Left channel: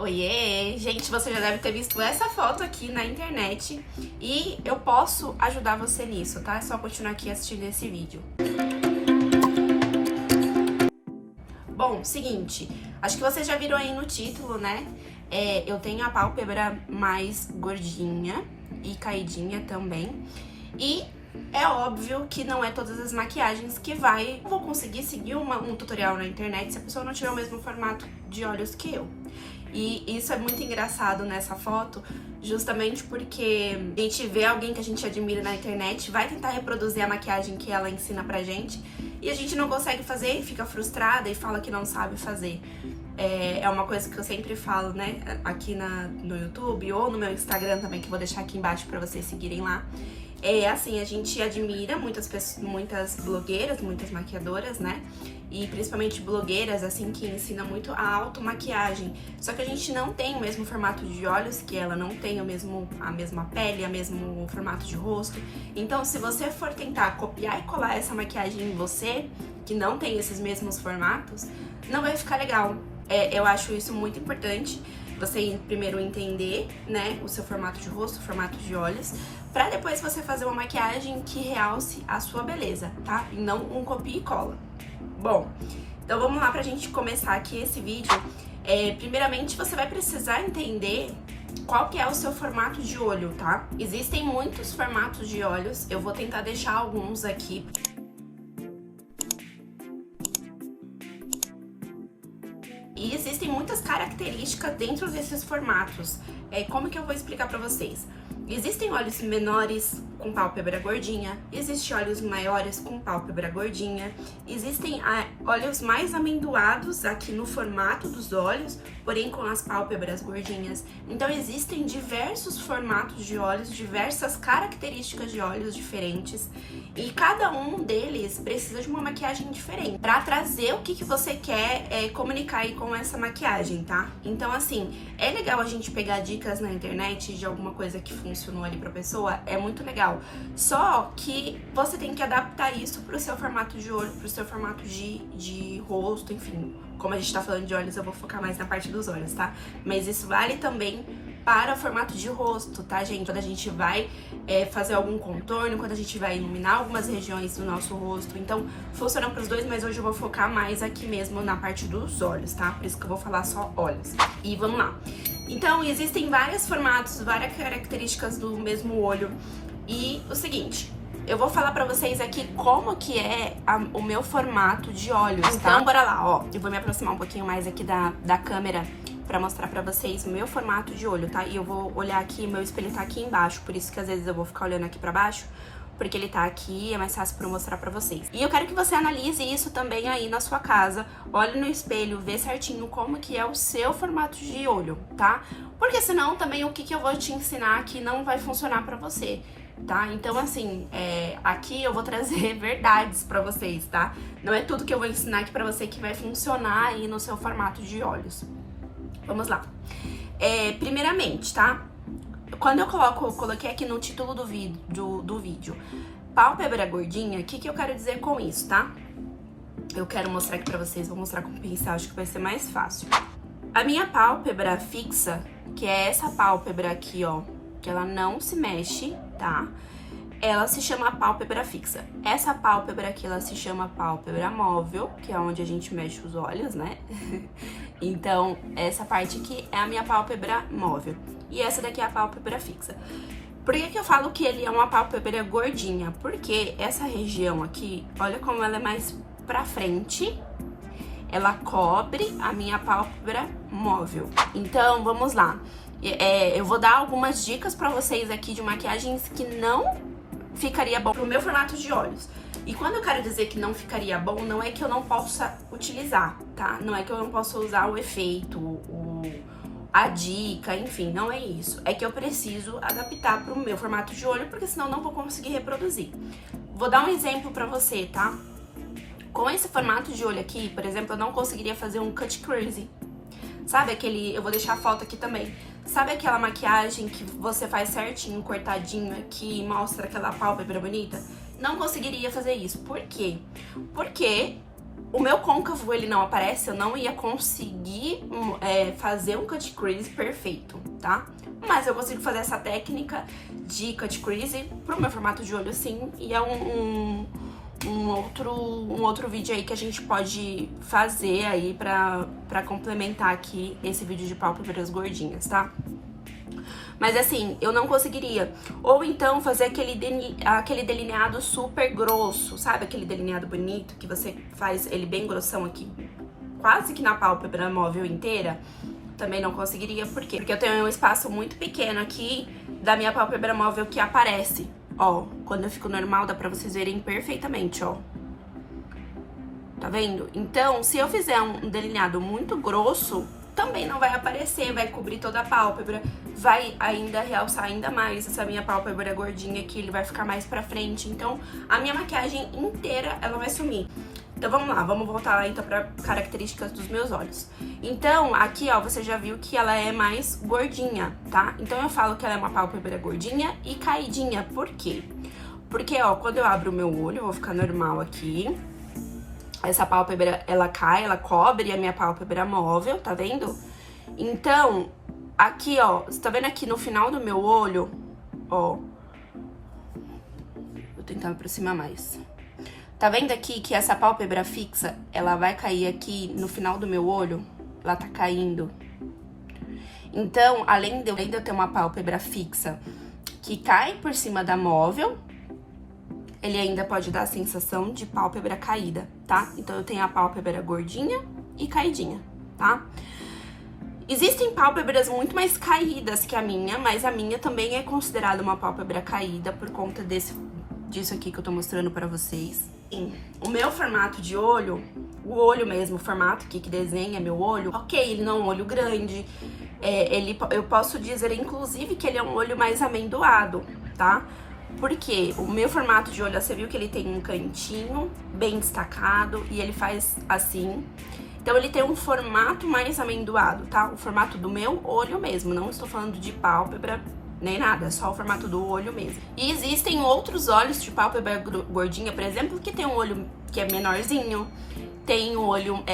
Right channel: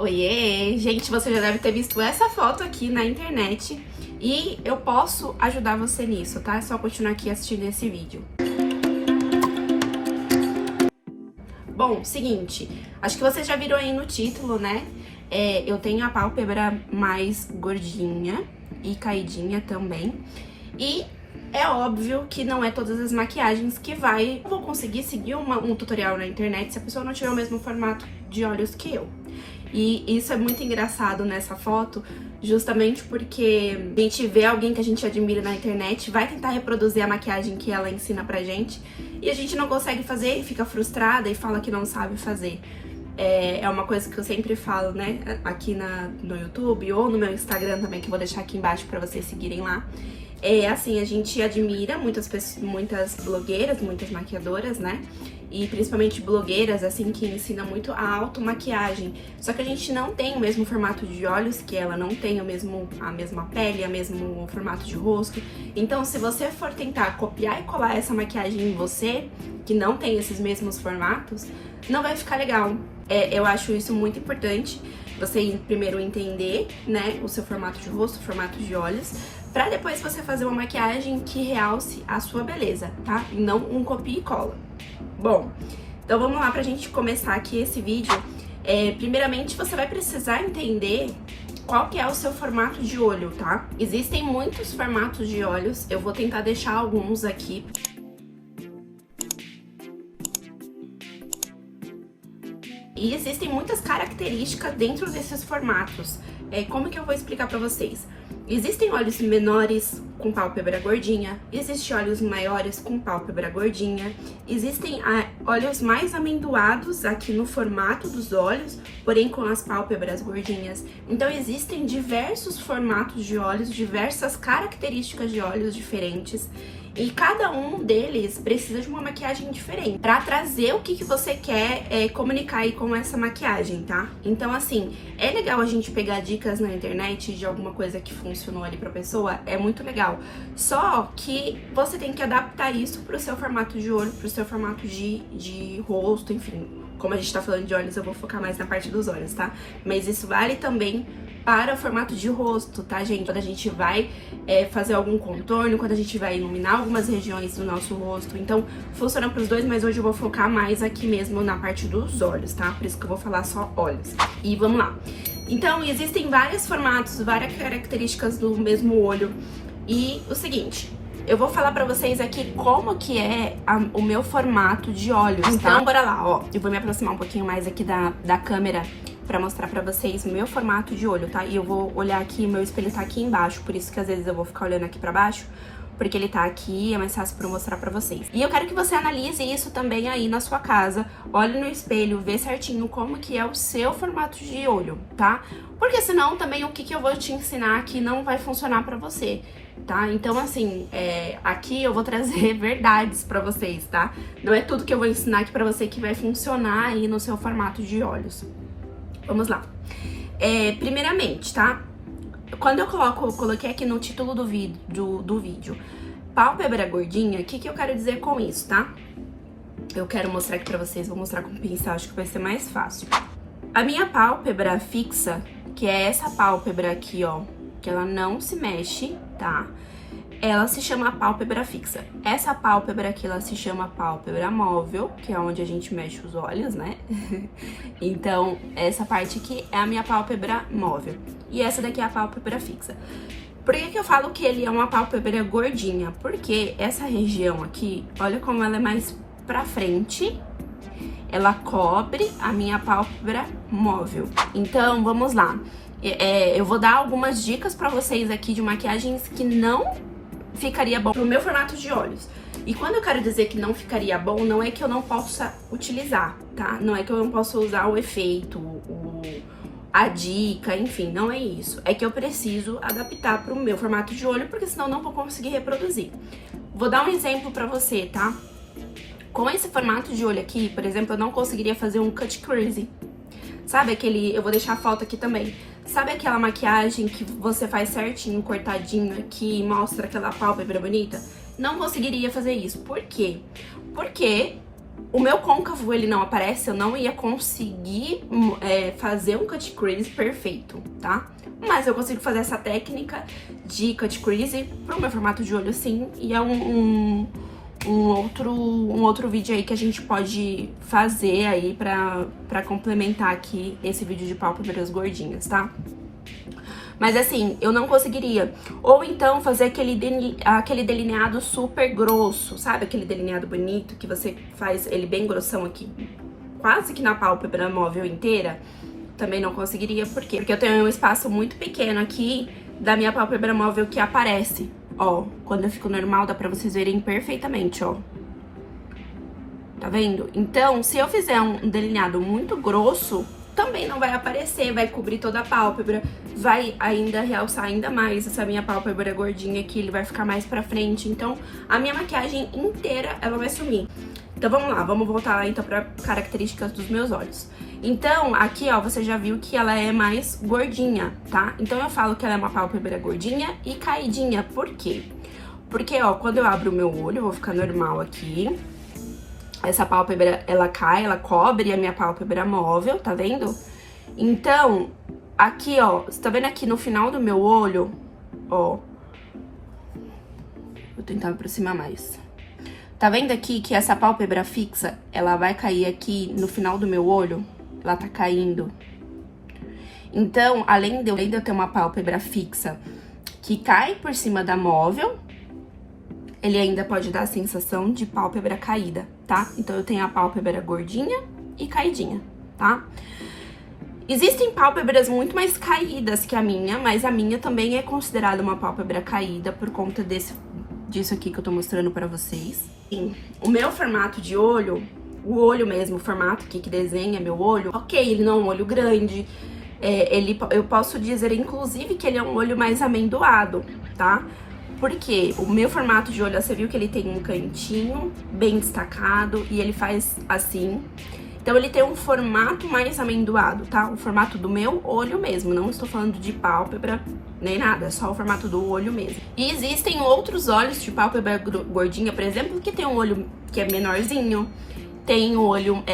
Oiê! Gente, você já deve ter visto essa foto aqui na internet e eu posso ajudar você nisso, tá? É só continuar aqui assistindo esse vídeo. Bom, seguinte, acho que vocês já viram aí no título, né? Eu tenho a pálpebra mais gordinha e caidinha também. E é óbvio que não é todas as maquiagens que eu vou conseguir seguir um tutorial na internet se a pessoa não tiver o mesmo formato de olhos que eu. E isso é muito engraçado nessa foto, justamente porque a gente vê alguém que a gente admira na internet, vai tentar reproduzir a maquiagem que ela ensina pra gente, e a gente não consegue fazer, fica frustrada e fala que não sabe fazer. É uma coisa que eu sempre falo, né, aqui no YouTube ou no meu Instagram também, que eu vou deixar aqui embaixo pra vocês seguirem lá. Assim, a gente admira muitas blogueiras, muitas maquiadoras, né? E principalmente blogueiras, assim, que ensinam muito a automaquiagem. Só que a gente não tem o mesmo formato de olhos que ela, não tem a mesma pele, o mesmo formato de rosto. Então, se você for tentar copiar e colar essa maquiagem em você, que não tem esses mesmos formatos, não vai ficar legal. Eu acho isso muito importante, você primeiro entender, né, o seu formato de rosto, o formato de olhos, pra depois você fazer uma maquiagem que realce a sua beleza, tá? E não um copia e cola. Bom, então vamos lá pra gente começar aqui esse vídeo. Primeiramente, você vai precisar entender qual que é o seu formato de olho, tá? Existem muitos formatos de olhos, eu vou tentar deixar alguns aqui. E existem muitas características dentro desses formatos. Como que eu vou explicar pra vocês? Existem olhos menores com pálpebra gordinha, existem olhos maiores com pálpebra gordinha, existem olhos mais amendoados aqui no formato dos olhos, porém com as pálpebras gordinhas. Então existem diversos formatos de olhos, diversas características de olhos diferentes. E cada um deles precisa de uma maquiagem diferente pra trazer o que você quer comunicar aí com essa maquiagem, tá? Então, assim, é legal a gente pegar dicas na internet de alguma coisa que funcionou ali pra pessoa, é muito legal. Só que você tem que adaptar isso pro seu formato de olho, pro seu formato de rosto, enfim. Como a gente tá falando de olhos, eu vou focar mais na parte dos olhos, tá? Mas isso vale também para o formato de rosto, tá, gente? Quando a gente vai fazer algum contorno, quando a gente vai iluminar algumas regiões do nosso rosto. Então, funciona para os dois, mas hoje eu vou focar mais aqui mesmo na parte dos olhos, tá? Por isso que eu vou falar só olhos. E vamos lá. Então, existem vários formatos, várias características do mesmo olho. E o seguinte, eu vou falar pra vocês aqui como que é o meu formato de olhos, tá? Então, bora lá, ó. Eu vou me aproximar um pouquinho mais aqui da câmera pra mostrar pra vocês o meu formato de olho, tá? E eu vou olhar aqui, meu espelho tá aqui embaixo, por isso que às vezes eu vou ficar olhando aqui pra baixo, porque ele tá aqui, é mais fácil pra eu mostrar pra vocês. E eu quero que você analise isso também aí na sua casa, olhe no espelho, vê certinho como que é o seu formato de olho, tá? Porque senão também o que eu vou te ensinar aqui não vai funcionar pra você, tá? Então, assim, aqui eu vou trazer verdades pra vocês, tá? Não é tudo que eu vou ensinar aqui pra você que vai funcionar aí no seu formato de olhos. Vamos lá. Primeiramente, tá? Quando eu coloquei aqui no título do vídeo, pálpebra gordinha, o que eu quero dizer com isso, tá? Eu quero mostrar aqui pra vocês, vou mostrar com o pincel, acho que vai ser mais fácil. A minha pálpebra fixa, que é essa pálpebra aqui, ó, que ela não se mexe, tá? Ela se chama pálpebra fixa. Essa pálpebra aqui, ela se chama pálpebra móvel, que é onde a gente mexe os olhos, né? Então, essa parte aqui é a minha pálpebra móvel. E essa daqui é a pálpebra fixa. Por que eu falo que ele é uma pálpebra gordinha? Porque essa região aqui, olha como ela é mais pra frente, ela cobre a minha pálpebra móvel. Então, vamos lá. Eu vou dar algumas dicas pra vocês aqui de maquiagens que não ficaria bom pro meu formato de olhos. E quando eu quero dizer que não ficaria bom, não é que eu não possa utilizar, tá? Não é que eu não possa usar o efeito, a dica, enfim, não é isso. É que eu preciso adaptar pro meu formato de olho, porque senão eu não vou conseguir reproduzir. Vou dar um exemplo pra você, tá? Com esse formato de olho aqui, por exemplo, eu não conseguiria fazer um cut crease. Sabe aquele... Eu vou deixar a foto aqui também. Sabe aquela maquiagem que você faz certinho, cortadinho aqui, e mostra aquela pálpebra bonita? Não conseguiria fazer isso. Por quê? Porque o meu côncavo, ele não aparece, eu não ia conseguir fazer um cut crease perfeito, tá? Mas eu consigo fazer essa técnica de cut crease pro meu formato de olho, sim. E é um outro vídeo aí que a gente pode fazer aí pra complementar aqui esse vídeo de pálpebras gordinhas, tá? Mas assim, eu não conseguiria. Ou então fazer aquele delineado super grosso, sabe? Aquele delineado bonito que você faz ele bem grossão aqui, quase que na pálpebra móvel inteira. Também não conseguiria, por quê? Porque eu tenho um espaço muito pequeno aqui da minha pálpebra móvel que aparece. Ó, quando eu fico normal, dá pra vocês verem perfeitamente, ó. Tá vendo? Então, se eu fizer um delineado muito grosso, também não vai aparecer, vai cobrir toda a pálpebra, vai ainda realçar ainda mais essa minha pálpebra gordinha aqui, ele vai ficar mais pra frente. Então, a minha maquiagem inteira, ela vai sumir. Então, vamos lá, vamos voltar lá, então, pra características dos meus olhos. Então, aqui, ó, você já viu que ela é mais gordinha, tá? Então, eu falo que ela é uma pálpebra gordinha e caidinha. Por quê? Porque, ó, quando eu abro o meu olho, eu vou ficar normal aqui. Essa pálpebra, ela cai, ela cobre a minha pálpebra móvel, tá vendo? Então, aqui, ó, você tá vendo aqui no final do meu olho, ó. Vou tentar me aproximar mais. Tá vendo aqui que essa pálpebra fixa, ela vai cair aqui no final do meu olho? Ela tá caindo. Então, além de eu ter uma pálpebra fixa que cai por cima da móvel, ele ainda pode dar a sensação de pálpebra caída, tá? Então, eu tenho a pálpebra gordinha e caidinha, tá? Existem pálpebras muito mais caídas que a minha, mas a minha também é considerada uma pálpebra caída por conta disso aqui que eu tô mostrando pra vocês. Sim, o meu formato de olho, o olho mesmo, o formato aqui que desenha meu olho, ok, ele não é um olho grande, eu posso dizer, inclusive, que ele é um olho mais amendoado, tá? Porque o meu formato de olho, você viu que ele tem um cantinho bem destacado e ele faz assim. Então, ele tem um formato mais amendoado, tá? O formato do meu olho mesmo, não estou falando de pálpebra nem nada, é só o formato do olho mesmo. E existem outros olhos de pálpebra gordinha, por exemplo, que tem um olho que é menorzinho, tem um olho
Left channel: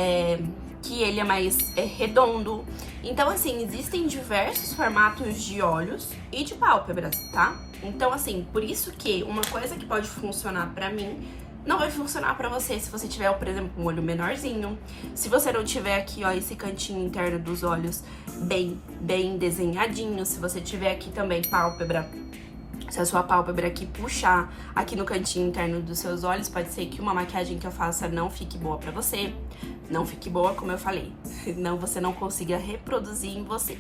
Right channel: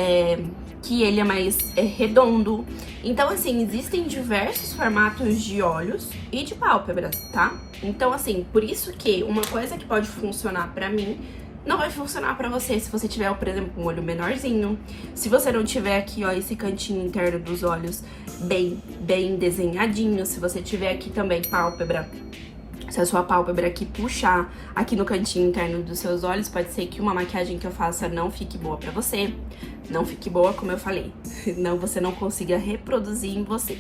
que ele é mais redondo. Então, assim, existem diversos formatos de olhos e de pálpebras, tá? Então, assim, por isso que uma coisa que pode funcionar pra mim não vai funcionar pra você se você tiver, por exemplo, um olho menorzinho. Se você não tiver aqui, ó, esse cantinho interno dos olhos bem desenhadinho. Se você tiver aqui também pálpebra, se a sua pálpebra aqui puxar aqui no cantinho interno dos seus olhos, pode ser que uma maquiagem que eu faça não fique boa pra você. Não fique boa, como eu falei. Não, você não consiga reproduzir em você.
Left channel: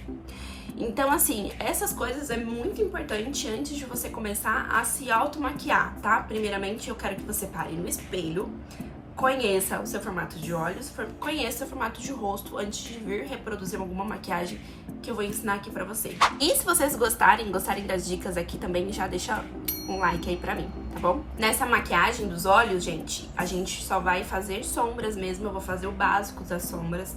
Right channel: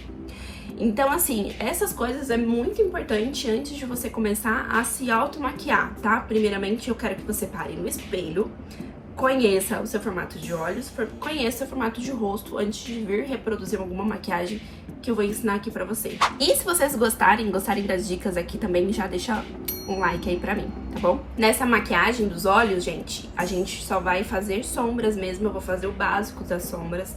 Então, assim, essas coisas é muito importante antes de você começar a se automaquiar, tá? Primeiramente, eu quero que você pare no espelho, conheça o seu formato de olhos, conheça o seu formato de rosto antes de vir reproduzir alguma maquiagem que eu vou ensinar aqui pra vocês. E se vocês gostarem das dicas aqui também, já deixa um like aí pra mim, tá bom? Nessa maquiagem dos olhos, gente, a gente só vai fazer sombras mesmo, eu vou fazer o básico das sombras.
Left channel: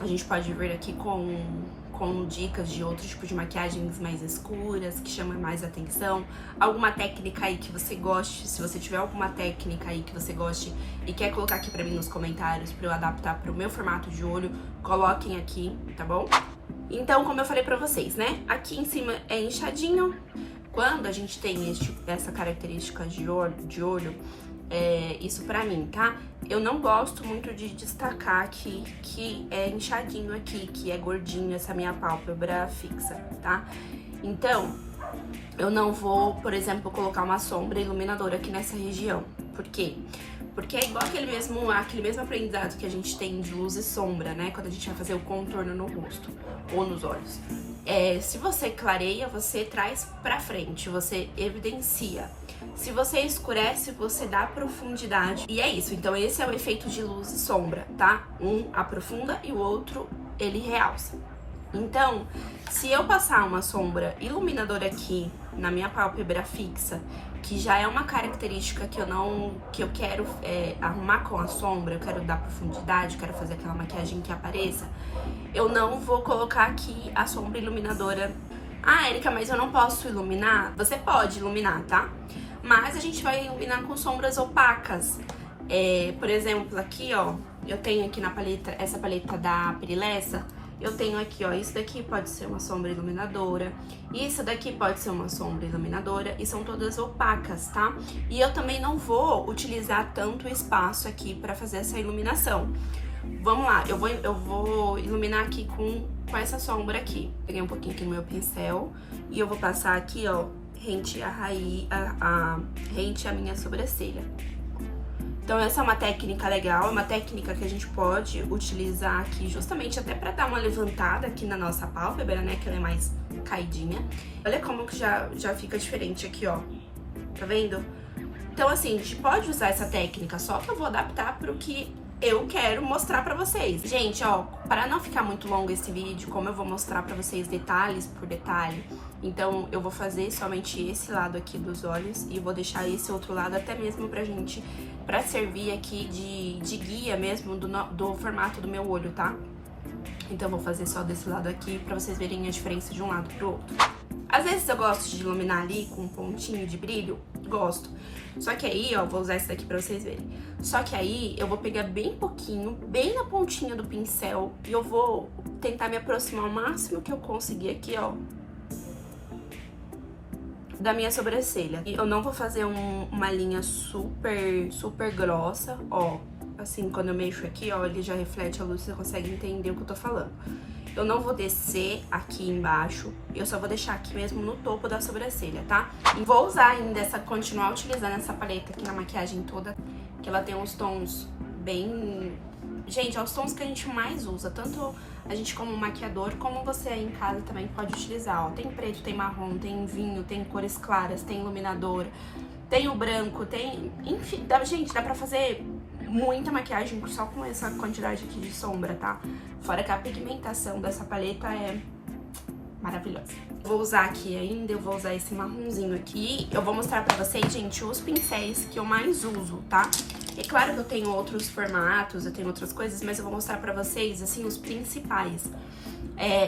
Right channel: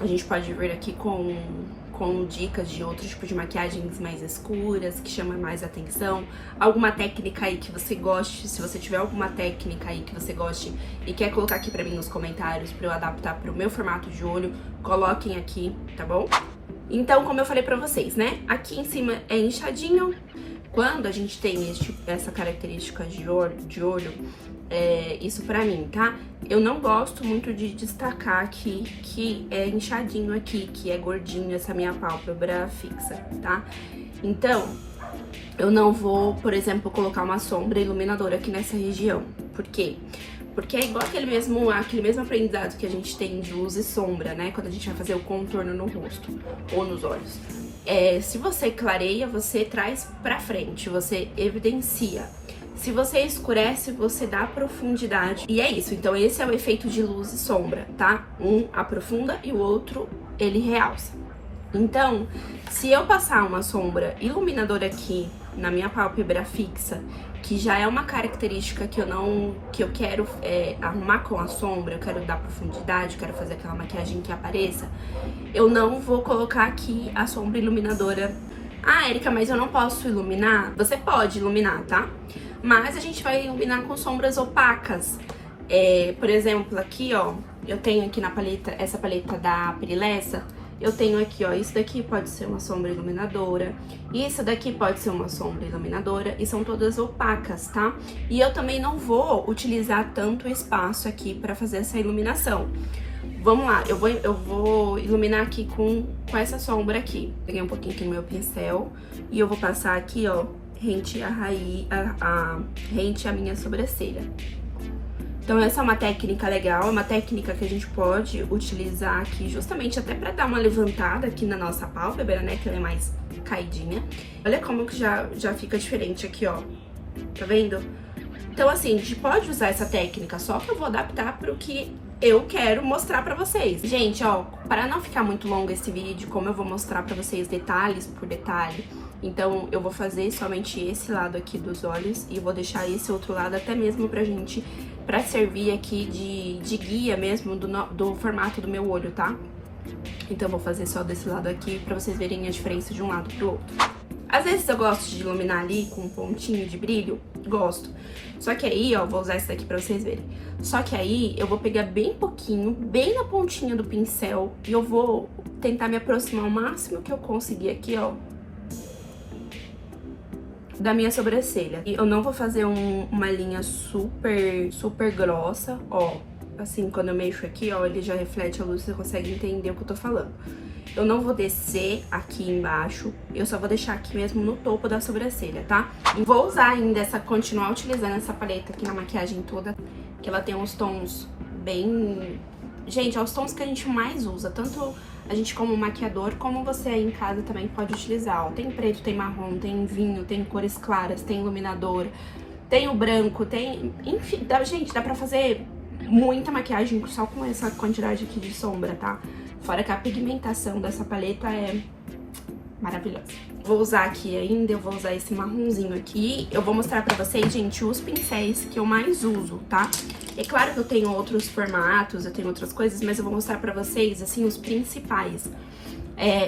A gente pode vir aqui com dicas de outro tipo de maquiagens mais escuras, que chamam mais atenção. Alguma técnica aí que você goste, se você tiver alguma técnica aí que você goste e quer colocar aqui pra mim nos comentários pra eu adaptar pro meu formato de olho, coloquem aqui, tá bom? Então, como eu falei pra vocês, né? Aqui em cima é inchadinho. Quando a gente tem essa característica de olho, isso pra mim, tá? Eu não gosto muito de destacar aqui que é inchadinho aqui, que é gordinho essa minha pálpebra fixa, tá? Então, eu não vou, por exemplo, colocar uma sombra iluminadora aqui nessa região. Por quê? Porque é igual aquele mesmo aprendizado que a gente tem de luz e sombra, né? Quando a gente vai fazer o contorno no rosto ou nos olhos. Se você clareia, você traz pra frente, você evidencia. Se você escurece, você dá profundidade. E é isso, então esse é o efeito de luz e sombra, tá? Um aprofunda e o outro, ele realça. Então, se eu passar uma sombra iluminadora aqui na minha pálpebra fixa, que já é uma característica que eu quero arrumar com a sombra, eu quero dar profundidade, eu quero fazer aquela maquiagem que apareça, eu não vou colocar aqui a sombra iluminadora. Ah, Erika, mas eu não posso iluminar? Você pode iluminar, tá? Mas a gente vai iluminar com sombras opacas. Por exemplo, aqui, ó, eu tenho aqui na paleta, essa paleta da Perilessa, eu tenho aqui, ó, isso daqui pode ser uma sombra iluminadora, isso daqui pode ser uma sombra iluminadora, e são todas opacas, tá? E eu também não vou utilizar tanto espaço aqui pra fazer essa iluminação. Vamos lá, eu vou iluminar aqui com essa sombra aqui. Peguei um pouquinho aqui no meu pincel e eu vou passar aqui, ó, rente a minha sobrancelha. Então essa é uma técnica legal, é uma técnica que a gente pode utilizar aqui justamente até pra dar uma levantada aqui na nossa pálpebra, né, que ela é mais caidinha. Olha como que já fica diferente aqui, ó, tá vendo? Então assim, a gente pode usar essa técnica, só que eu vou adaptar pro que eu quero mostrar pra vocês. Gente, ó, para não ficar muito longo esse vídeo, como eu vou mostrar pra vocês detalhes por detalhe, então eu vou fazer somente esse lado aqui dos olhos e vou deixar esse outro lado até mesmo pra servir aqui de guia mesmo do formato do meu olho, tá? Então eu vou fazer só desse lado aqui pra vocês verem a diferença de um lado pro outro. Às vezes eu gosto de iluminar ali com um pontinho de brilho, gosto. Só que aí, ó, vou usar esse daqui pra vocês verem. Só que aí eu vou pegar bem pouquinho, bem na pontinha do pincel, e eu vou tentar me aproximar o máximo que eu conseguir aqui, ó, da minha sobrancelha. E eu não vou fazer uma linha super grossa, ó. Assim, quando eu mexo aqui, ó, ele já reflete a luz, você consegue entender o que eu tô falando. Eu não vou descer aqui embaixo, eu só vou deixar aqui mesmo no topo da sobrancelha, tá? Vou usar ainda continuar utilizando essa paleta aqui na maquiagem toda, que ela tem uns tons bem... Gente, é os tons que a gente mais usa, tanto a gente como maquiador, como você aí em casa também pode utilizar, ó. Tem preto, tem marrom, tem vinho, tem cores claras, tem iluminador, tem o branco, tem... Enfim, gente, dá pra fazer muita maquiagem só com essa quantidade aqui de sombra, tá? Fora que a pigmentação dessa paleta é maravilhosa. Vou usar aqui ainda, eu vou usar esse marronzinho aqui. Eu vou mostrar pra vocês, gente, os pincéis que eu mais uso, tá? É claro que eu tenho outros formatos, eu tenho outras coisas, mas eu vou mostrar pra vocês, assim, os principais.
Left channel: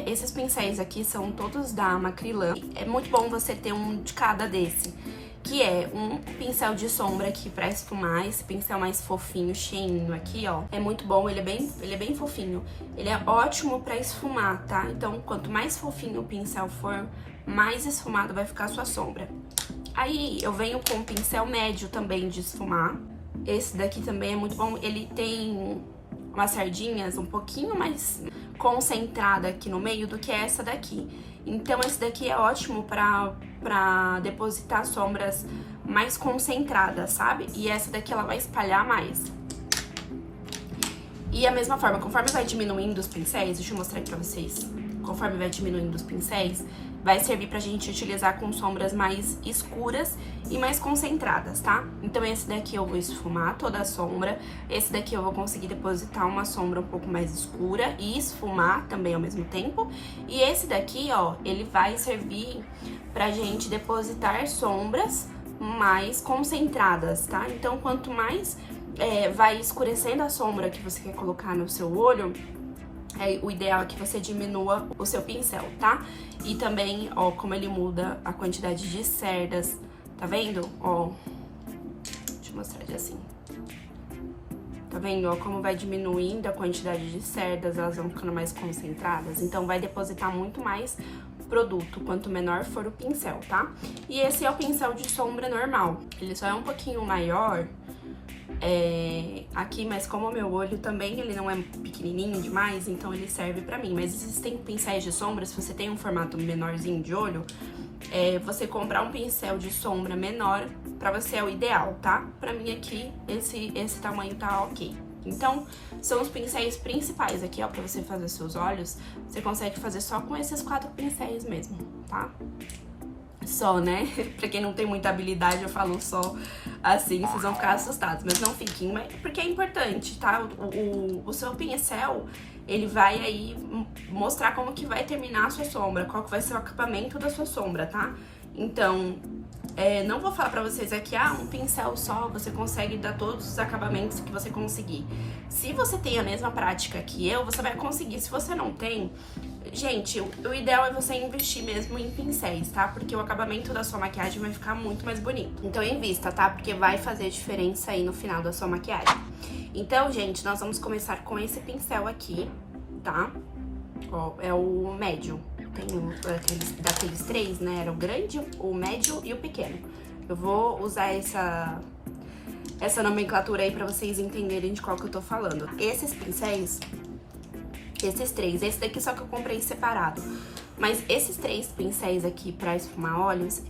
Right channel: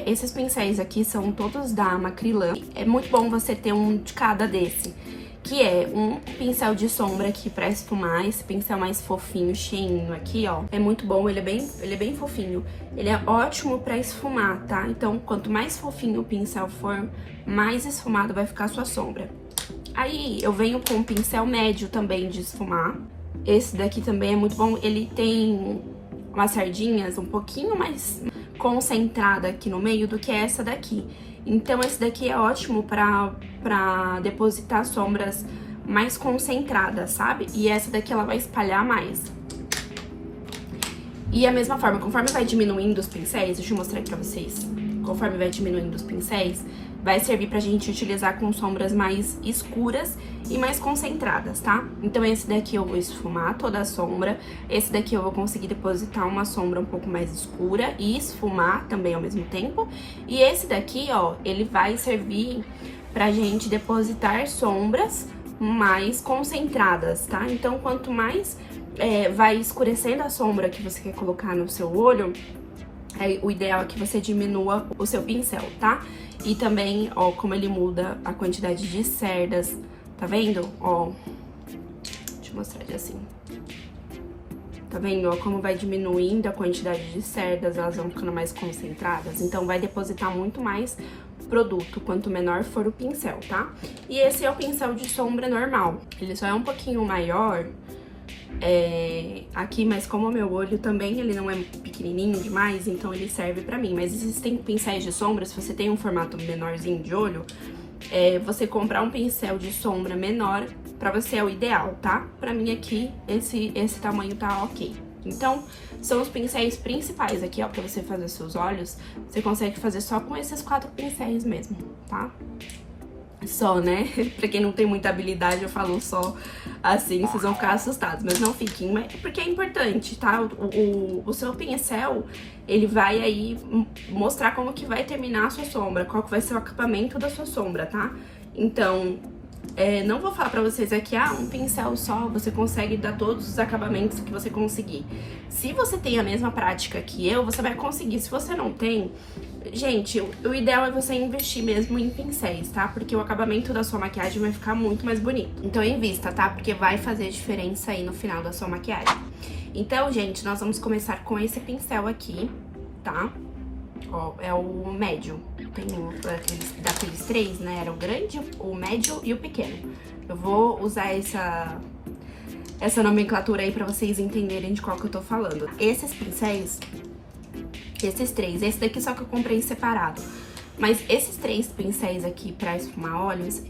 Esses pincéis aqui são todos da Macrylan. É muito bom você ter um de cada desse. Que é um pincel de sombra aqui pra esfumar, esse pincel mais fofinho, cheinho aqui, ó. É muito bom, ele é bem fofinho. Ele é ótimo pra esfumar, tá? Então, quanto mais fofinho o pincel for, mais esfumado vai ficar a sua sombra. Aí, eu venho com um pincel médio também de esfumar. Esse daqui também é muito bom, ele tem umas sardinhas um pouquinho mais concentrada aqui no meio do que essa daqui. Então, esse daqui é ótimo pra depositar sombras mais concentradas, sabe? E essa daqui, ela vai espalhar mais. E a mesma forma, conforme vai diminuindo os pincéis, deixa eu mostrar aqui pra vocês. Conforme vai diminuindo os pincéis, vai servir pra gente utilizar com sombras mais escuras e mais concentradas, tá? Então, esse daqui eu vou esfumar toda a sombra. Esse daqui eu vou conseguir depositar uma sombra um pouco mais escura e esfumar também ao mesmo tempo. E esse daqui, ó, ele vai servir pra gente depositar sombras mais concentradas, tá? Então, quanto mais vai escurecendo a sombra que você quer colocar no seu olho, o ideal é que você diminua o seu pincel, tá? E também, ó, como ele muda a quantidade de cerdas, tá vendo? Ó, deixa eu mostrar de assim. Tá vendo, ó, como vai diminuindo a quantidade de cerdas, elas vão ficando mais concentradas. Então, vai depositar muito mais produto, quanto menor for o pincel, tá? E esse é o pincel de sombra normal. Ele só é um pouquinho maior aqui, mas como o meu olho também, ele não é pequenininho demais, então ele serve pra mim. Mas existem pincéis de sombra, se você tem um formato menorzinho de olho, você comprar um pincel de sombra menor, pra você é o ideal, tá? Pra mim aqui, esse tamanho tá ok. Então, são os pincéis principais aqui, ó, pra você fazer seus olhos. Você consegue fazer só com esses 4 pincéis mesmo, tá? Só, né? Pra quem não tem muita habilidade, eu falo só assim, vocês vão ficar assustados. Mas não fiquem, porque é importante, tá? O seu pincel, ele vai aí mostrar como que vai terminar a sua sombra, qual que vai ser o acabamento da sua sombra, tá? Então, não vou falar pra vocês aqui, um pincel só, você consegue dar todos os acabamentos que você conseguir. Se você tem a mesma prática que eu, você vai conseguir. Se você não tem, Gente, o ideal é você investir mesmo em pincéis, tá? Porque o acabamento da sua maquiagem vai ficar muito mais bonito. Então invista, tá? Porque vai fazer diferença aí no final da sua maquiagem. Então, gente, nós vamos começar com esse pincel aqui, tá? Ó, é o médio. Tem daqueles três, né? Era o grande, o médio e o pequeno. Eu vou usar essa nomenclatura aí pra vocês entenderem de qual que eu tô falando. Esses pincéis, esses três, esse daqui só que eu comprei separado. Mas esses três pincéis aqui pra esfumar óleos,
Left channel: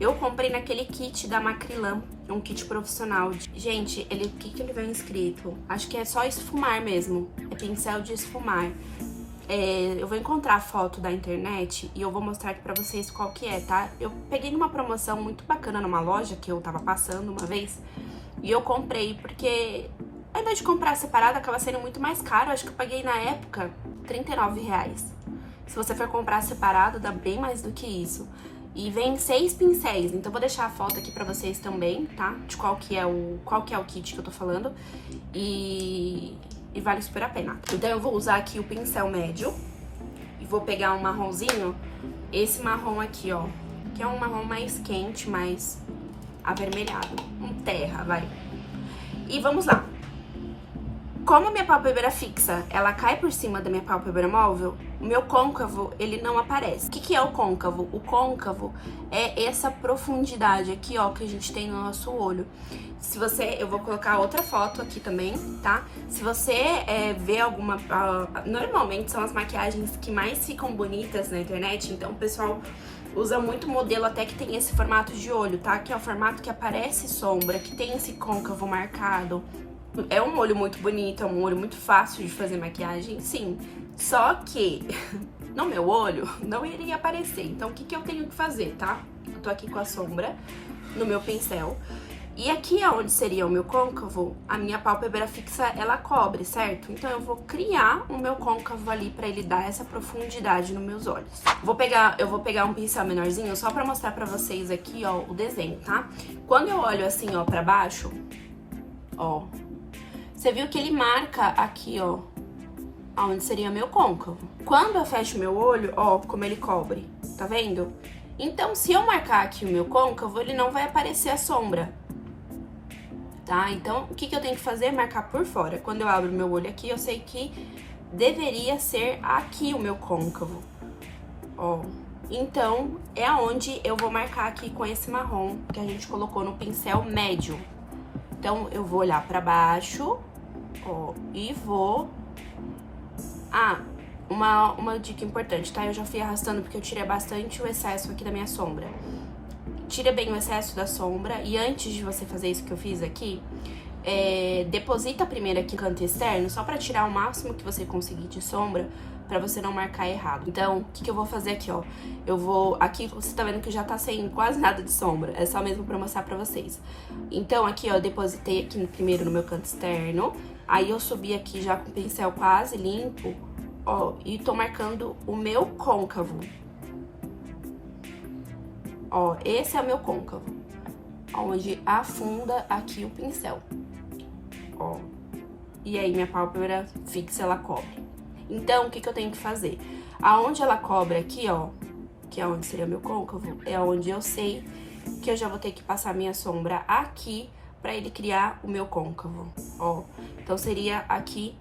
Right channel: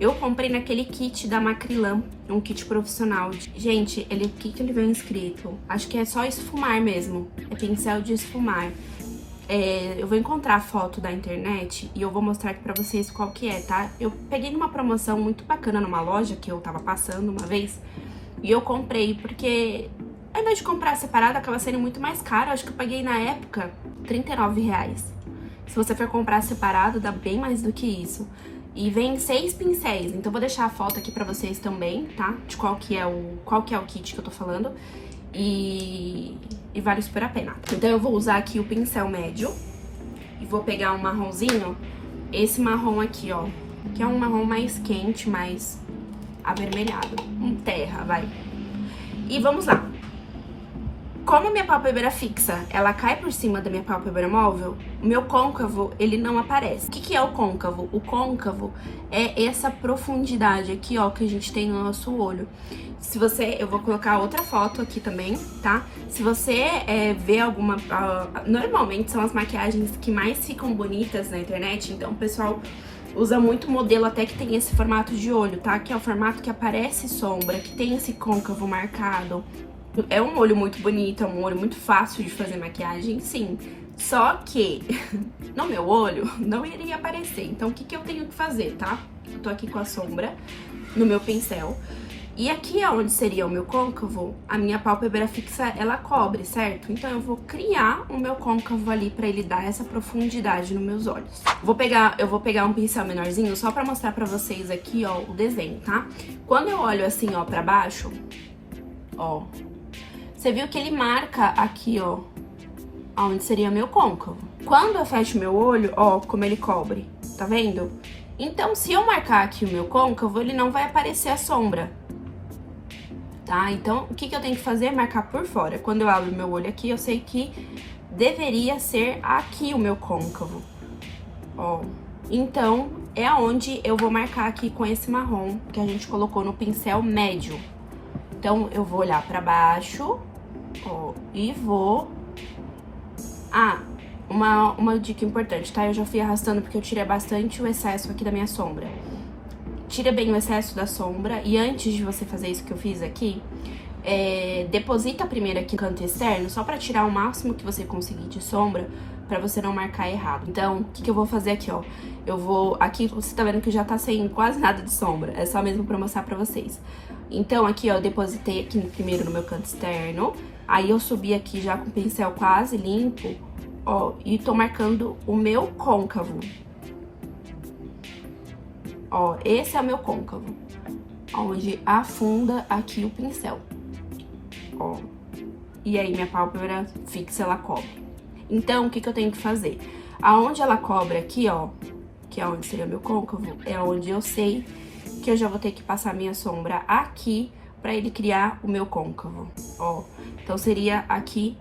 eu comprei naquele kit da Macrilan, um kit profissional. Gente, o que ele vem escrito? Acho que é só esfumar mesmo, é pincel de esfumar. Eu vou encontrar a foto da internet e eu vou mostrar aqui pra vocês qual que é, tá? Eu peguei numa promoção muito bacana numa loja que eu tava passando uma vez e eu comprei porque ao invés de comprar separado acaba sendo muito mais caro. Acho que eu paguei na época R$39. Se você for comprar separado dá bem mais do que isso. E vem 6 pincéis, então vou deixar a foto aqui pra vocês também, tá? De qual que é o kit que eu tô falando. E vale super a pena. Então eu vou usar aqui o pincel médio e vou pegar um marronzinho, esse marrom aqui, ó, que é um marrom mais quente, mais avermelhado, um terra, vai. E vamos lá. Como a minha pálpebra fixa, ela cai por cima da minha pálpebra móvel, o meu côncavo, ele não aparece. O que é o côncavo? O côncavo é essa profundidade aqui, ó, que a gente tem no nosso olho. Eu vou colocar outra foto aqui também, tá? Se você vê alguma... normalmente são as maquiagens que mais ficam bonitas na internet, então o pessoal usa muito modelo até que tem esse formato de olho, tá? Que é o formato que aparece sombra, que tem esse côncavo marcado. É um olho muito bonito, é um olho muito fácil de fazer maquiagem, sim. Só que no meu olho não iria aparecer. Então o que eu tenho que fazer, tá? Eu tô aqui com a sombra no meu pincel. E aqui onde seria o meu côncavo, a minha pálpebra fixa, ela cobre, certo? Então eu vou criar o meu côncavo ali pra ele dar essa profundidade nos meus olhos. Eu vou pegar um pincel menorzinho só pra mostrar pra vocês aqui, ó, o desenho, tá? Quando eu olho assim, ó, pra baixo, ó, você viu que ele marca aqui, ó, onde seria meu côncavo. Quando eu fecho meu olho, ó, como ele cobre, tá vendo? Então, se eu marcar aqui o meu côncavo, ele não vai aparecer a sombra, tá? Então, o que eu tenho que fazer? Marcar por fora. Quando eu abro meu olho aqui, eu sei que deveria ser aqui o meu côncavo, ó. Então, é aonde eu vou marcar aqui com esse marrom que a gente colocou no pincel médio. Então, eu vou olhar pra baixo, ó, e vou... uma dica importante, tá? Eu já fui arrastando porque eu tirei bastante o excesso aqui da minha sombra. Tira bem o excesso da sombra e antes de você fazer isso que eu fiz aqui, deposita primeiro aqui no canto externo, só pra tirar o máximo que você conseguir de sombra, pra você não marcar errado. Então, o que eu vou fazer aqui, ó? Aqui você tá vendo que já tá sem quase nada de sombra, é só mesmo pra mostrar pra vocês. Então, aqui, ó, eu depositei aqui primeiro no meu canto externo, aí eu subi aqui já com o pincel quase limpo, ó, e tô marcando o meu côncavo. Ó, esse é o meu côncavo, onde afunda aqui o pincel, ó. E aí, minha pálpebra fixa, ela cobre. Então, o que eu tenho que fazer? Aonde ela cobre aqui, ó, que é onde seria meu côncavo, é onde eu sei que eu já vou ter que passar minha sombra aqui pra ele criar o meu côncavo, ó. Então, seria aqui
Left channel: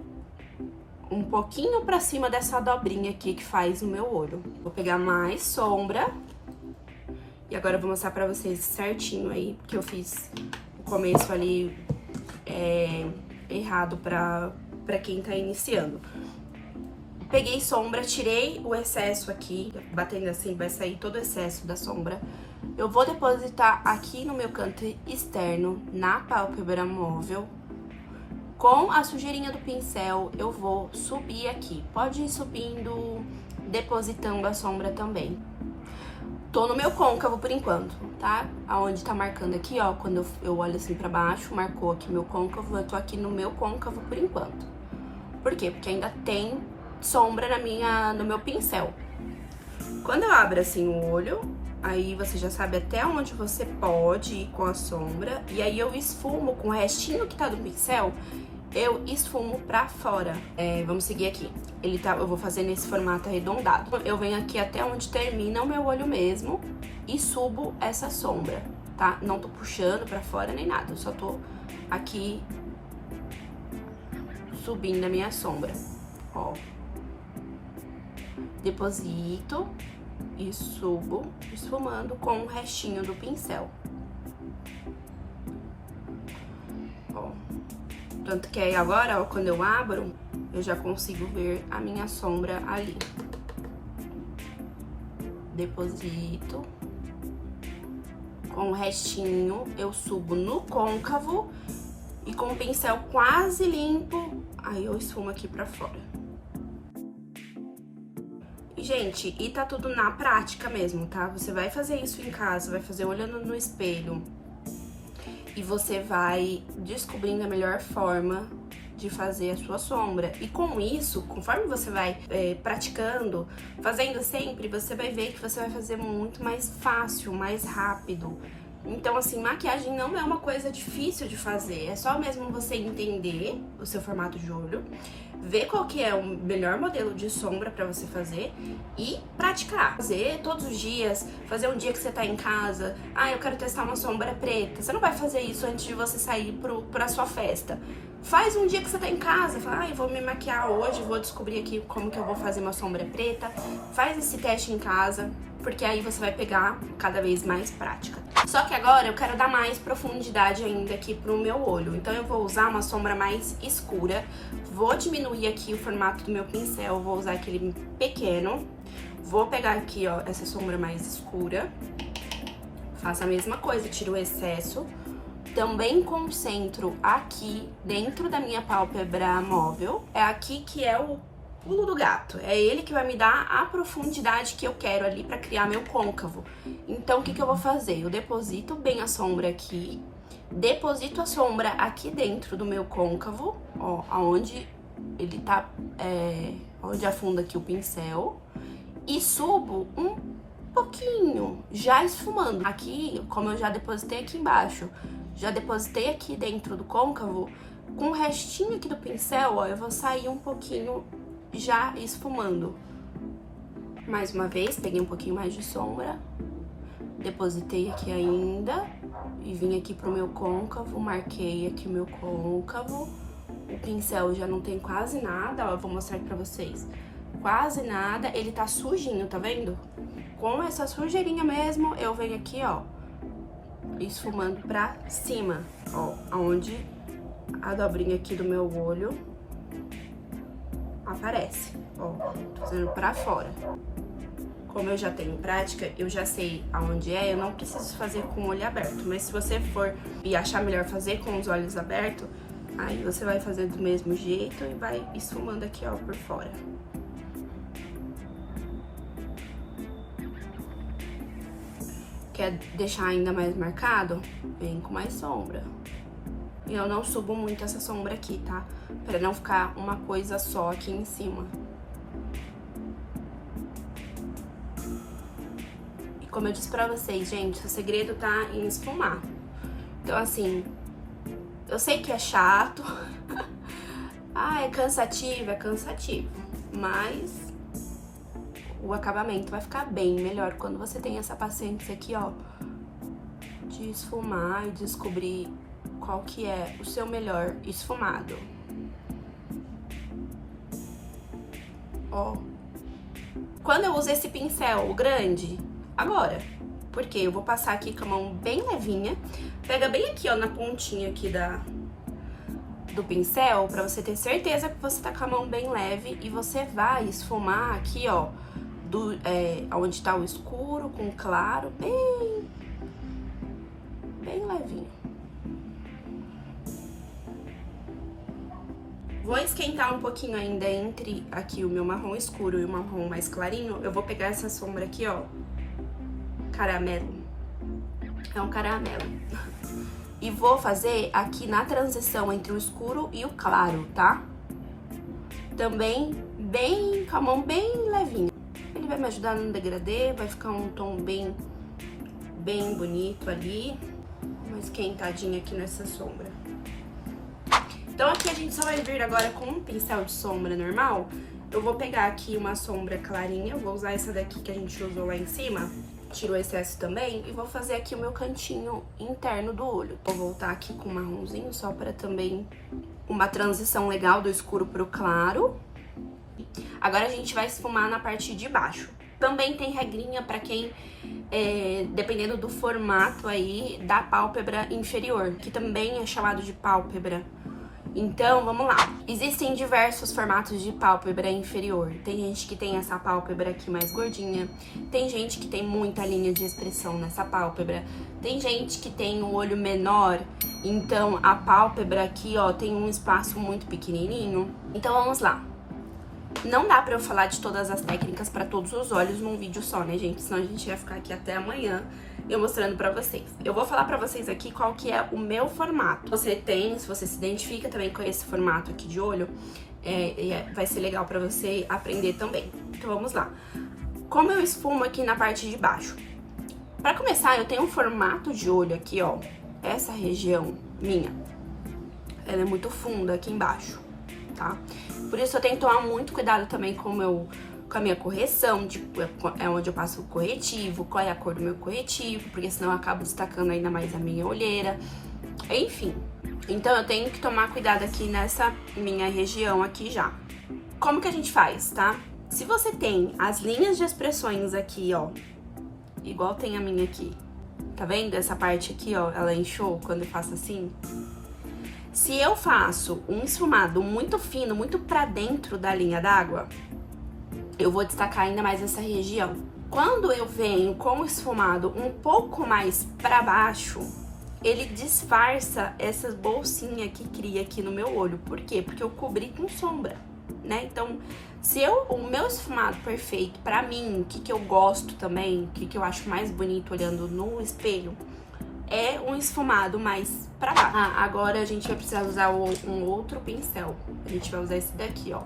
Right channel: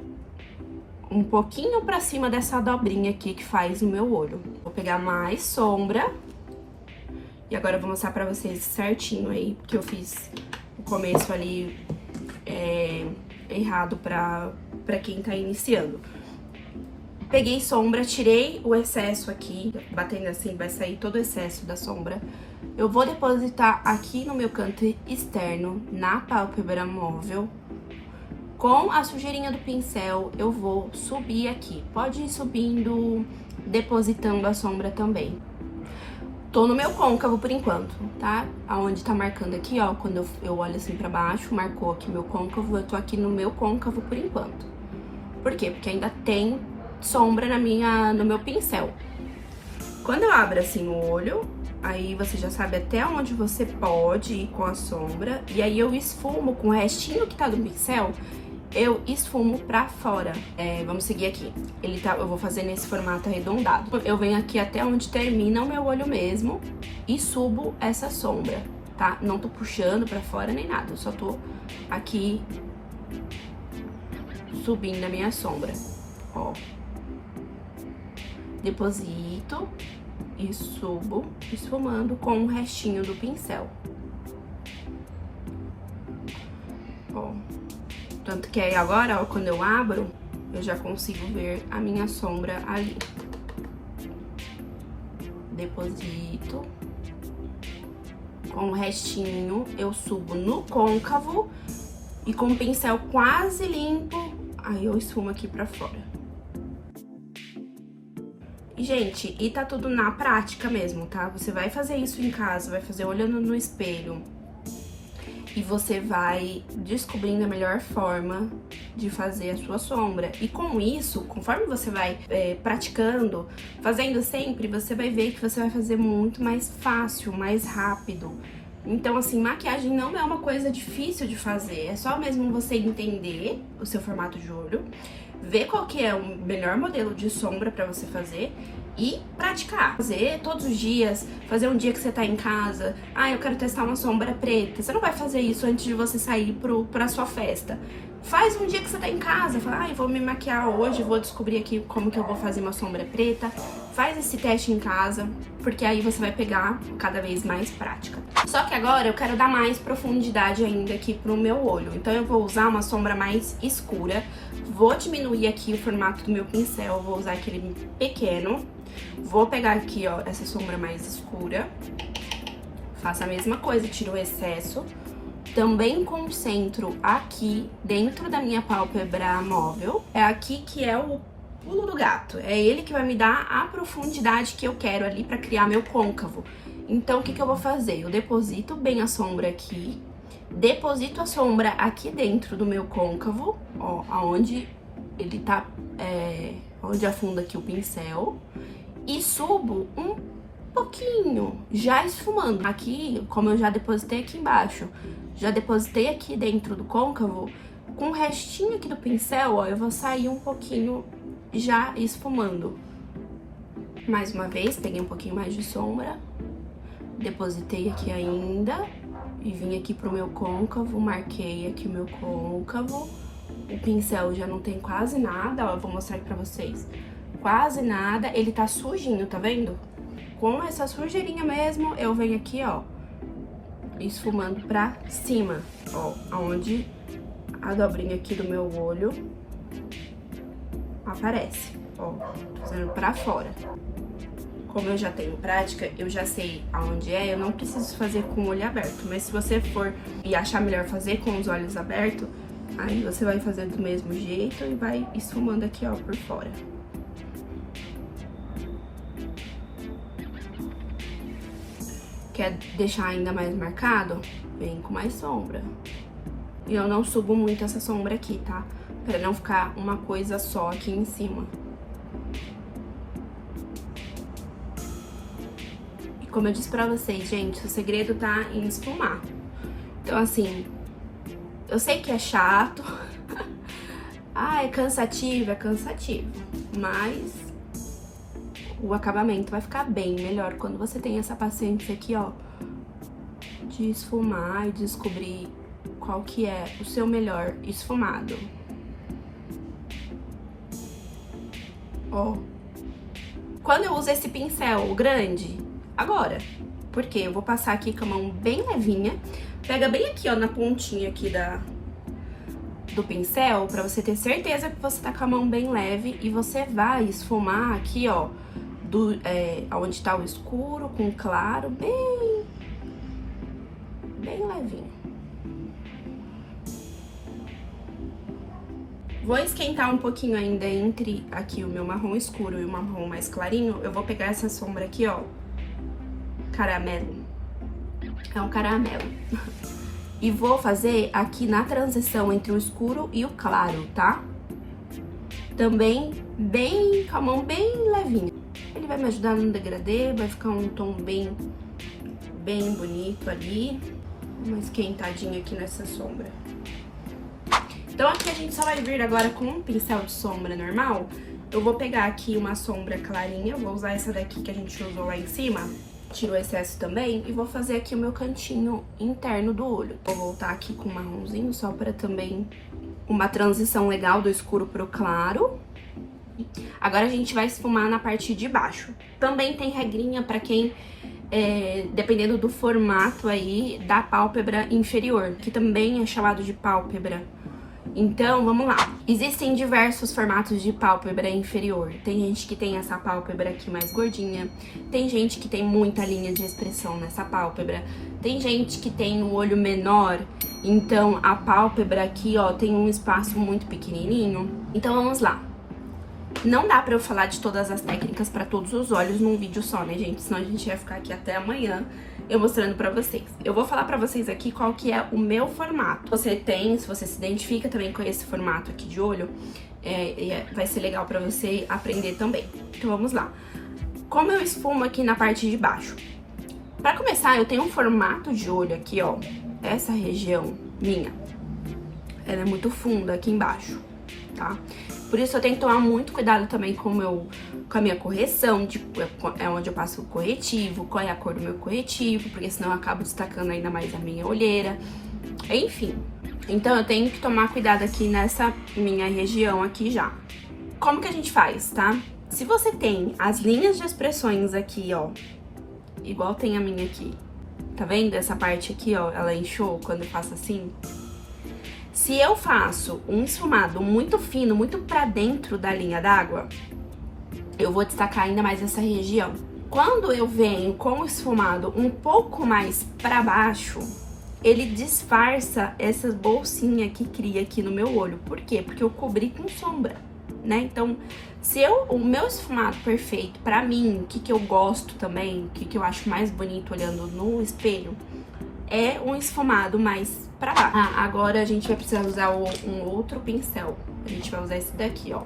um pouquinho pra cima dessa dobrinha aqui que faz o meu olho. Vou pegar mais sombra. E agora eu vou mostrar pra vocês certinho aí, porque eu fiz o começo ali errado pra quem tá iniciando. Peguei sombra, tirei o excesso aqui, batendo assim, vai sair todo o excesso da sombra. Eu vou depositar aqui no meu canto externo, na pálpebra móvel. Com a sujeirinha do pincel, eu vou subir aqui. Pode ir subindo, depositando a sombra também. Tô no meu côncavo por enquanto, tá? Aonde tá marcando aqui, ó, quando eu olho assim pra baixo, marcou aqui meu côncavo, eu tô aqui no meu côncavo por enquanto. Por quê? Porque ainda tem sombra no meu pincel. Quando eu abro assim o olho, aí você já sabe até onde você pode ir com a sombra, e aí eu esfumo com o restinho que tá do pincel, eu esfumo pra fora. Vamos seguir aqui. Eu vou fazer nesse formato arredondado. Eu venho aqui até onde termina o meu olho mesmo e subo essa sombra, tá? Não tô puxando pra fora nem nada, eu só tô aqui subindo a minha sombra, ó. Deposito e subo, esfumando com o restinho do pincel. Ó. Tanto que aí agora, ó, quando eu abro, eu já consigo ver a minha sombra ali. Deposito. Com o restinho, eu subo no côncavo e com o pincel quase limpo, aí eu esfumo aqui pra fora. E, gente, e tá tudo na prática mesmo, tá? Você vai fazer isso em casa, vai fazer olhando no espelho. E você vai descobrindo a melhor forma de fazer a sua sombra. E com isso, conforme você vai praticando, fazendo sempre, você vai ver que você vai fazer muito mais fácil, mais rápido. Então, assim, maquiagem não é uma coisa difícil de fazer. É só mesmo você entender o seu formato de olho, ver qual que é o melhor modelo de sombra pra você fazer e praticar. Fazer todos os dias, fazer um dia que você tá em casa, eu quero testar uma sombra preta. Você não vai fazer isso antes de você sair pra sua festa. Faz um dia que você tá em casa, fala, eu vou me maquiar hoje, vou descobrir aqui como que eu vou fazer uma sombra preta. Faz esse teste em casa, porque aí você vai pegar cada vez mais prática. Só que agora eu quero dar mais profundidade ainda aqui pro meu olho. Então eu vou usar uma sombra mais escura. Vou diminuir aqui o formato do meu pincel, vou usar aquele pequeno. Vou pegar aqui, ó, essa sombra mais escura. Faço a mesma coisa, tiro o excesso. Também concentro aqui dentro da minha pálpebra móvel. É aqui que é o pulo do gato. É ele que vai me dar a profundidade que eu quero ali pra criar meu côncavo. Então, o que eu vou fazer? Eu deposito bem a sombra aqui. Deposito a sombra aqui dentro do meu côncavo, ó, aonde ele tá, onde afunda aqui o pincel. E subo um pouquinho, já esfumando. Aqui, como eu já depositei aqui embaixo, já depositei aqui dentro do côncavo, com o restinho aqui do pincel, ó, eu vou sair um pouquinho já esfumando. Mais uma vez, peguei um pouquinho mais de sombra, depositei aqui ainda e vim aqui pro meu côncavo, marquei aqui o meu côncavo. O pincel já não tem quase nada, ó, eu vou mostrar aqui pra vocês. Quase nada, ele tá sujinho, tá vendo? Com essa sujeirinha mesmo, eu venho aqui, ó, esfumando pra cima, ó, aonde a dobrinha aqui do meu olho aparece, ó, tô fazendo pra fora. Como eu já tenho prática, eu já sei aonde eu não preciso fazer com o olho aberto, mas se você for e achar melhor fazer com os olhos abertos, aí você vai fazer do mesmo jeito e vai esfumando aqui, ó, por fora. Quer deixar ainda mais marcado? Vem com mais sombra. E eu não subo muito essa sombra aqui, tá? Pra não ficar uma coisa só aqui em cima. E como eu disse pra vocês, gente, o segredo tá em esfumar. Então, assim, eu sei que é chato. É cansativo, é cansativo. Mas o acabamento vai ficar bem melhor quando você tem essa paciência aqui, ó, de esfumar e descobrir qual que é o seu melhor esfumado. Ó. Quando eu uso esse pincel grande, agora, porque eu vou passar aqui com a mão bem levinha, pega bem aqui, ó, na pontinha aqui do pincel, pra você ter certeza que você tá com a mão bem leve e você vai esfumar aqui, ó, onde tá o escuro com o claro, bem levinho. Vou esquentar um pouquinho ainda entre aqui o meu marrom escuro e o marrom mais clarinho. Eu vou pegar essa sombra aqui, ó, caramelo. É um caramelo. E vou fazer aqui na transição entre o escuro e o claro, tá? Também bem, com a mão bem levinha. Ele vai me ajudar no degradê, vai ficar um tom bem bonito ali. Uma esquentadinha aqui nessa sombra. Então aqui a gente só vai vir agora com um pincel de sombra normal. Eu vou pegar aqui uma sombra clarinha, eu vou usar essa daqui que a gente usou lá em cima, tiro o excesso também, e vou fazer aqui o meu cantinho interno do olho. Vou voltar aqui com o marronzinho, só para também uma transição legal do escuro pro claro. Agora a gente vai esfumar na parte de baixo. Também tem regrinha para quem, dependendo do formato aí, da pálpebra inferior, que também é chamado de pálpebra. Então, vamos lá. Existem diversos formatos de pálpebra inferior. Tem gente que tem essa pálpebra aqui mais gordinha. Tem gente que tem muita linha de expressão nessa pálpebra. Tem gente que tem o olho menor. Então, a pálpebra aqui, ó, tem um espaço muito pequenininho. Então, vamos lá. Não dá pra eu falar de todas as técnicas pra todos os olhos num vídeo só, né, gente? Senão a gente ia ficar aqui até amanhã eu mostrando pra vocês. Eu vou falar pra vocês aqui qual que é o meu formato. Se você se identifica também com esse formato aqui de olho, vai ser legal pra você aprender também. Então vamos lá. Como eu esfumo aqui na parte de baixo? Pra começar, eu tenho um formato de olho aqui, ó. Essa região minha, ela é muito funda aqui embaixo, tá? Por isso eu tenho que tomar muito cuidado também com a minha correção, tipo, é onde eu passo o corretivo, qual é a cor do meu corretivo, porque senão eu acabo destacando ainda mais a minha olheira, enfim. Então eu tenho que tomar cuidado aqui nessa minha região aqui já. Como que a gente faz, tá? Se você tem as linhas de expressões aqui, ó, igual tem a minha aqui, tá vendo? Essa parte aqui, ó, ela inchou quando eu faço assim. Se eu faço um esfumado muito fino, muito pra dentro da linha d'água, eu vou destacar ainda mais essa região. Quando eu venho com o esfumado um pouco mais pra baixo, ele disfarça essa bolsinha que cria aqui no meu olho. Por quê? Porque eu cobri com sombra, né? Então, o meu esfumado perfeito pra mim, o que eu gosto também, o que eu acho mais bonito olhando no espelho, é um esfumado mais pra baixo. Agora a gente vai precisar usar um outro pincel. A gente vai usar esse daqui, ó.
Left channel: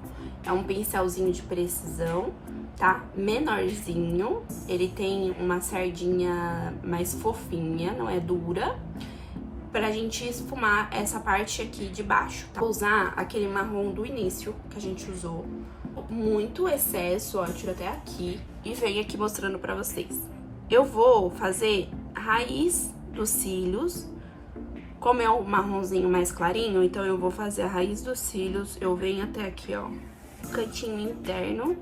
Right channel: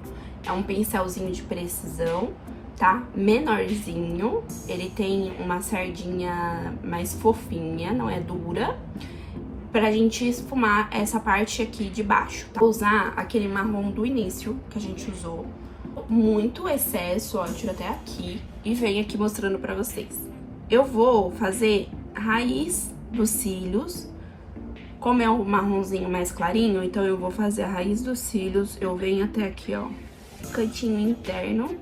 É um pincelzinho de precisão, tá? Menorzinho. Ele tem uma sardinha mais fofinha, não é dura. Pra gente esfumar essa parte aqui de baixo, tá? Vou usar aquele marrom do início que a gente usou. Muito excesso, ó. Eu tiro até aqui e venho aqui mostrando pra vocês. Eu vou fazer raiz dos cílios. Como é um marronzinho mais clarinho, então eu vou fazer a raiz dos cílios. Eu venho até aqui, ó, cantinho interno.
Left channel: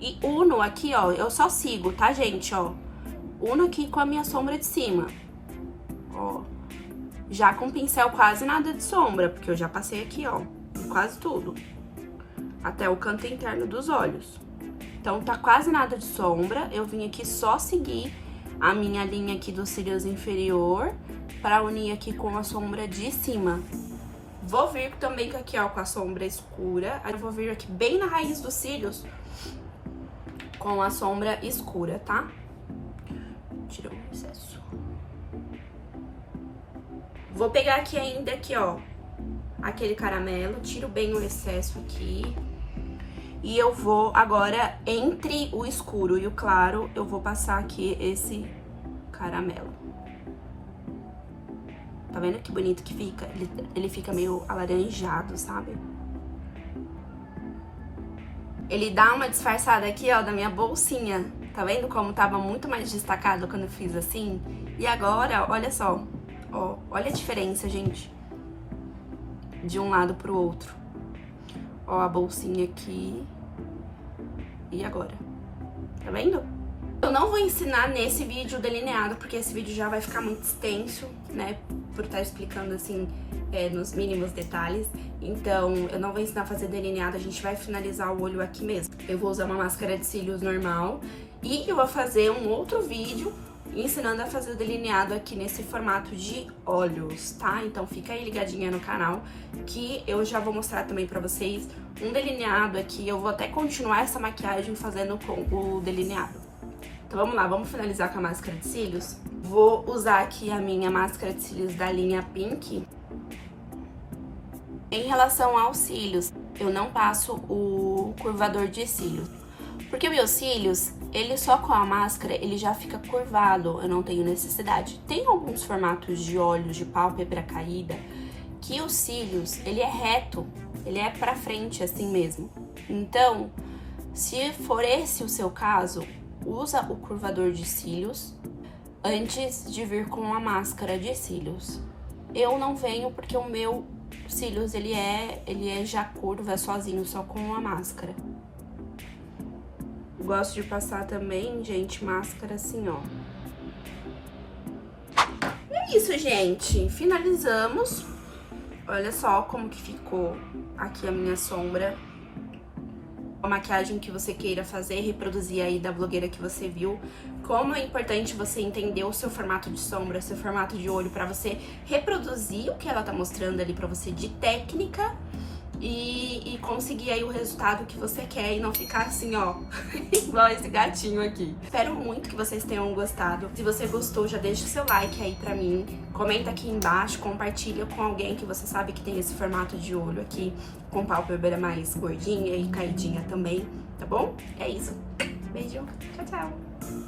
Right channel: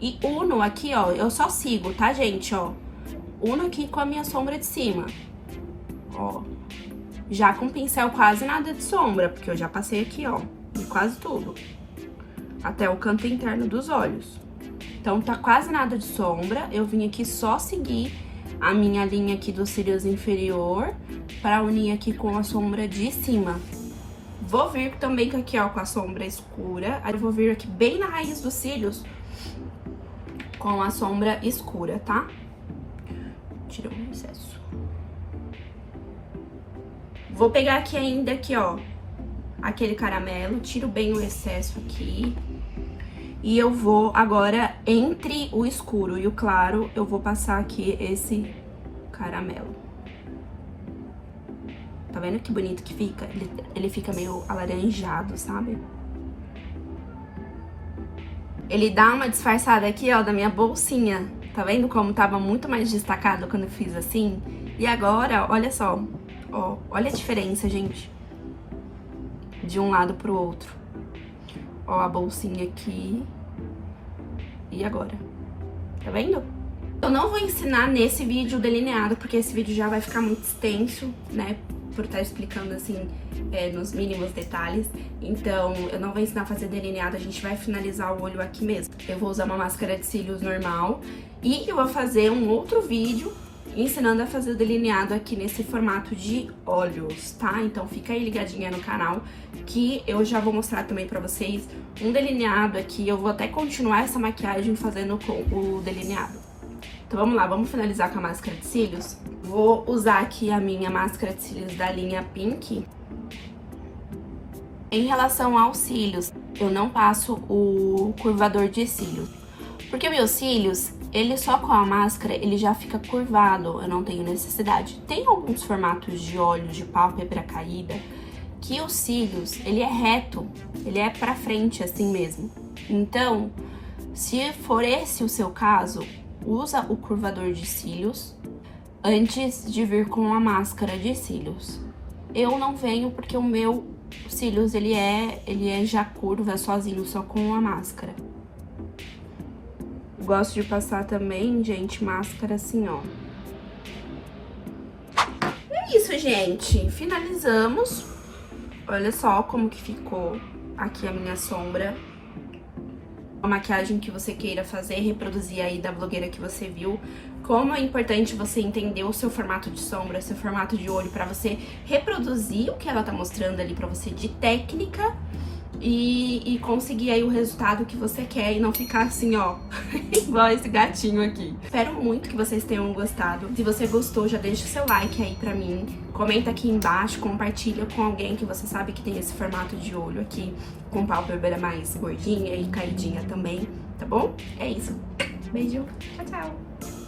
E uno aqui, ó, eu só sigo, tá, gente, ó? Uno aqui com a minha sombra de cima. Ó, já com pincel quase nada de sombra, porque eu já passei aqui, ó, em quase tudo. Até o canto interno dos olhos. Então, tá quase nada de sombra. Eu vim aqui só seguir a minha linha aqui dos cílios inferior para unir aqui com a sombra de cima. Vou vir também aqui, ó, com a sombra escura. Aí eu vou vir aqui bem na raiz dos cílios com a sombra escura, tá? Tirou o excesso. Vou pegar aqui ainda, aqui, ó, aquele caramelo, tiro bem o excesso aqui. E eu vou agora, entre o escuro e o claro, eu vou passar aqui esse caramelo. Tá vendo que bonito que fica? Ele fica meio alaranjado, sabe? Ele dá uma disfarçada aqui, ó, da minha bolsinha. Tá vendo como tava muito mais destacado quando eu fiz assim? E agora, olha só, ó, olha a diferença, gente, de um lado pro outro. Ó, a bolsinha aqui. E agora? Tá vendo? Eu não vou ensinar nesse vídeo delineado, porque esse vídeo já vai ficar muito extenso, né? Por estar explicando, assim, nos mínimos detalhes. Então, eu não vou ensinar a fazer delineado, a gente vai finalizar o olho aqui mesmo. Eu vou usar uma máscara de cílios normal e eu vou fazer um outro vídeo ensinando a fazer o delineado aqui nesse formato de olhos, tá? Então fica aí ligadinha no canal que eu já vou mostrar também pra vocês um delineado aqui. Eu vou até continuar essa maquiagem fazendo com o delineado. Então vamos lá, vamos finalizar com a máscara de cílios. Vou usar aqui a minha máscara de cílios da linha Pink. Em relação aos cílios, eu não passo o curvador de cílios, porque meus cílios, ele só com a máscara, ele já fica curvado, eu não tenho necessidade. Tem alguns formatos de olhos de pálpebra caída que os cílios, ele é reto, ele é pra frente assim mesmo. Então, se for esse o seu caso, usa o curvador de cílios antes de vir com a máscara de cílios. Eu não venho porque o meu cílios, ele é já curva sozinho, só com a máscara. Gosto de passar também, gente, máscara assim, ó. É isso, gente. Finalizamos. Olha só como que ficou aqui a minha sombra. A maquiagem que você queira fazer, reproduzir aí da blogueira que você viu. Como é importante você entender o seu formato de sombra, seu formato de olho, pra você reproduzir o que ela tá mostrando ali pra você de técnica e conseguir aí o resultado que você quer e não ficar assim, ó, igual esse gatinho aqui. Espero muito que vocês tenham gostado. Se você gostou, já deixa o seu like aí pra mim. Comenta aqui embaixo, compartilha com alguém que você sabe que tem esse formato de olho aqui, com pálpebra mais gordinha e caidinha também, tá bom? É isso. Beijo. Tchau, tchau.